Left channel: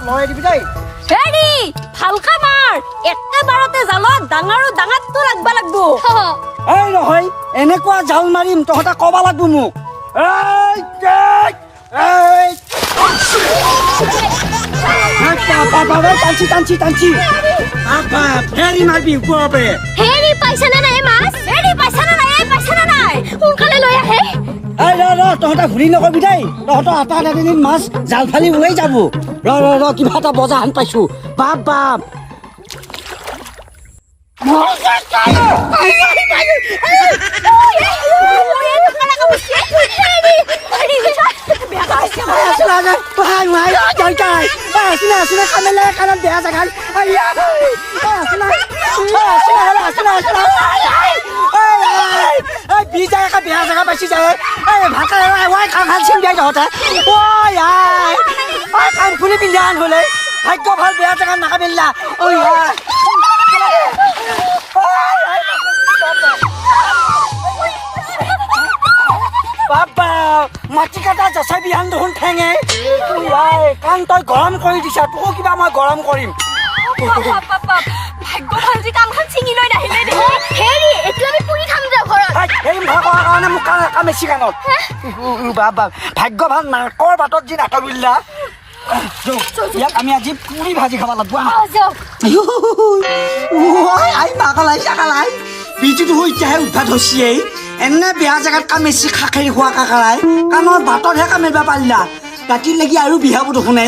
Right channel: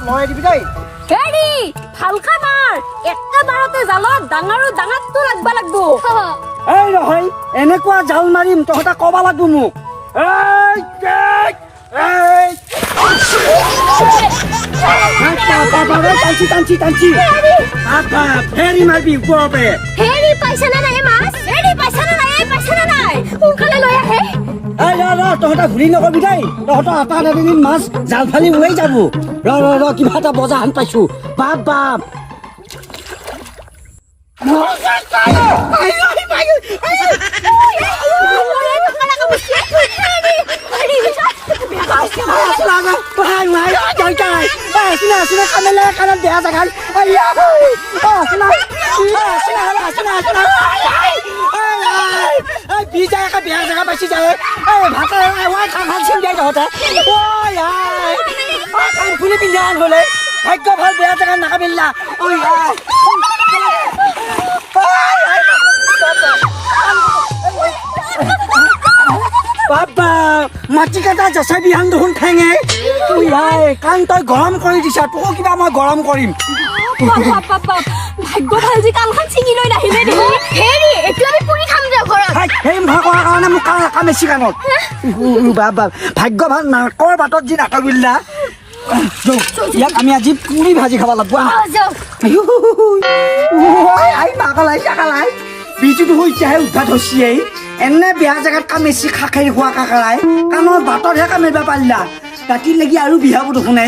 অলপ লৰাই দিবি দেই হেৰি ভালকা মাৰ একেবাৰতে জালত ডাঙৰ ডাঙৰটো লাগবা লাগবো এই নহয় এনেকুৱা জাল মাৰিম তহঁতে ক'ব লাগব মোক টানছি ফেৰি মাৰিবি ওপৰতে হেৰি পাইছে না নাই মাছ হেৰি পাইছে না নাই সোনকালে লৈ আহে এই ৰ তহঁতে ভুলি নকবি দেই তহঁতৰ আটা এদিন মাছ জাল ফালি উৰাই যাব ৰ কিবা এটা বজা হান পাইছো বাপ বাপ বিজাই একা বেয়া জেগা পাইছি যায় ভাত খান চিন দিয়া তহঁতে কাণ খুলি পিন্ধা আন হলে ভাগ্য ভাল বেয়া জেগাত নাকাবিল্লা বাবা মাটি কাটা জচা বিহান দেখোন ঠেঙে কাণ তই গৰম কৰি দিছা তোক কিবা মই গৰম কৰিম ভাগ্য ভাল যে কাণখন ছিঙি লৈ নাহিলে দেই হেৰি এইটো আমি পুৰি খাম দে ঘৰত সেই ভগৱানৰ কাৰণে মোক কামেছি কাণত বাবা ভাগ্য ভাল নাকৰ বাটত যি নাটবিল্লা ইয়াক আমি আজি পুৰি ভাজি খাব লাগব চাকালাই বিজুটো হৈছেহে উদ্ধাত হৈছিয়েই এনে বেয়া জেগাত কামেছি খাখেৰি খোৱা কাকাৰাই কাণৰ বাটতহে কামিব পাৰিলা ৰাতি লাগি আৰু বিহাবোৰ দেখোন